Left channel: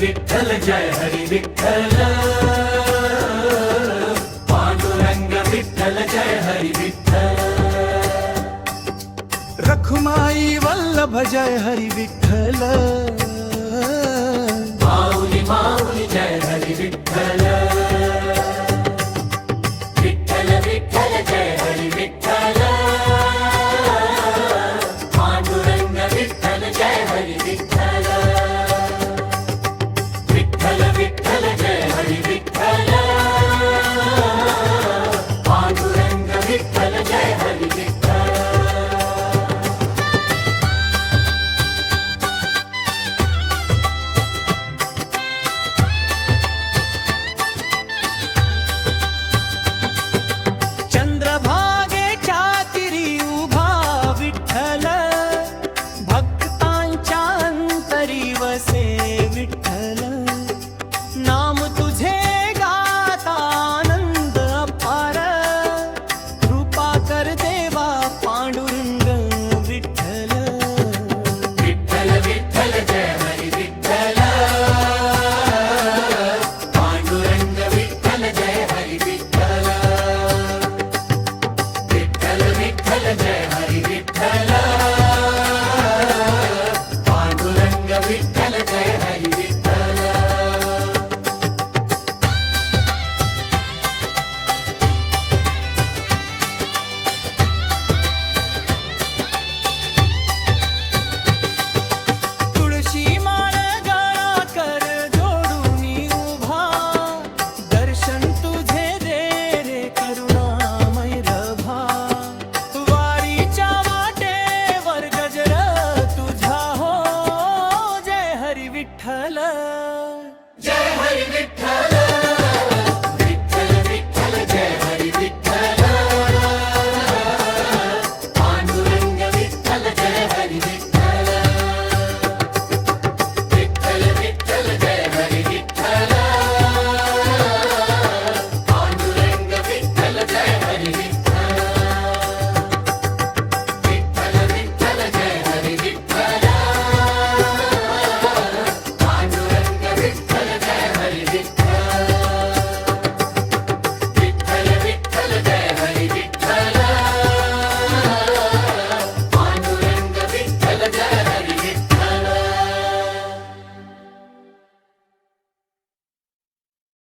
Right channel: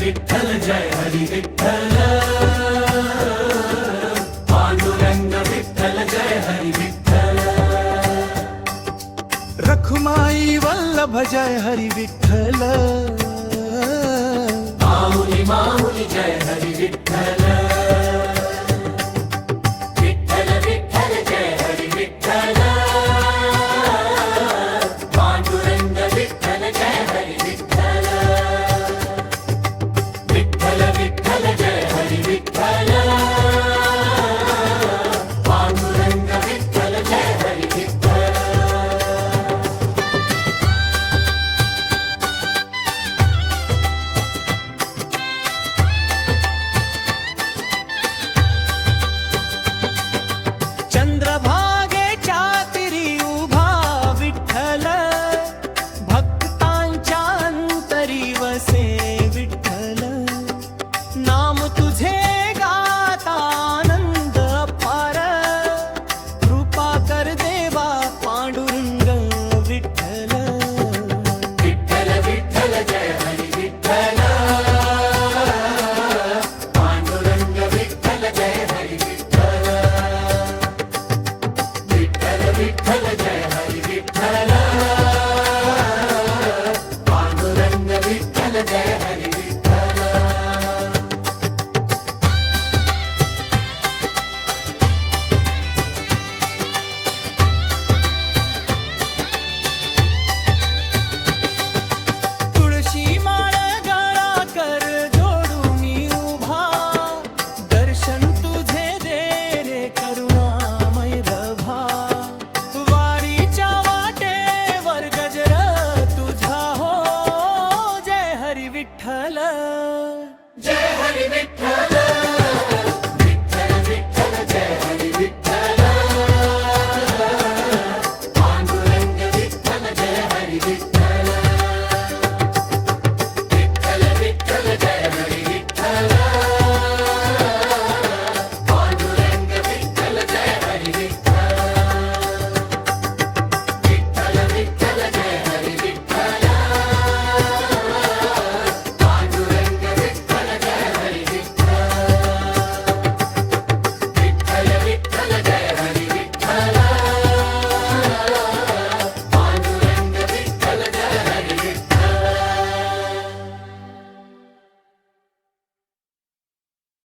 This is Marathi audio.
विठ्ठल जय हरी विठ्ठल पांडुरंग विठ्ठल जय हरी विठ्ठल रखुमाई वल्लभ जय हरी विठ्ठल माऊली माऊली जय हरी विठ्ठल विठ्ठल विठ्ठल जय हरी विठ्ठल पांडुरंग विठ्ठल जय हरी विठ्ठल विठ्ठल विठ्ठल जय हरी विठ्ठल पांडुरंग विठ्ठल जय हरी विठ्ठल चंद्रभागेच्या तिरी उभा विठ्ठल भक्तांच्या अंतरी वसे विठ्ठल नाम तुझे गाता आनंद अपार कृपा कर देवा पांडुरंग विठ्ठल विठ्ठल विठ्ठल जय हरी विठ्ठल पांडुरंग विठ्ठल जय हरी विठ्ठल विठ्ठल विठ्ठल जय हरी विठ्ठल पांडुरंग विठ्ठल जय हरी विठ्ठल तुळशी माळ गळा कर जोडून उभा दर्शन तुझे दे रे करुणामय रभा वारीच्या वाटेवर गजर तुझा हो जय हरी विठ्ठल जय हरी विठ्ठल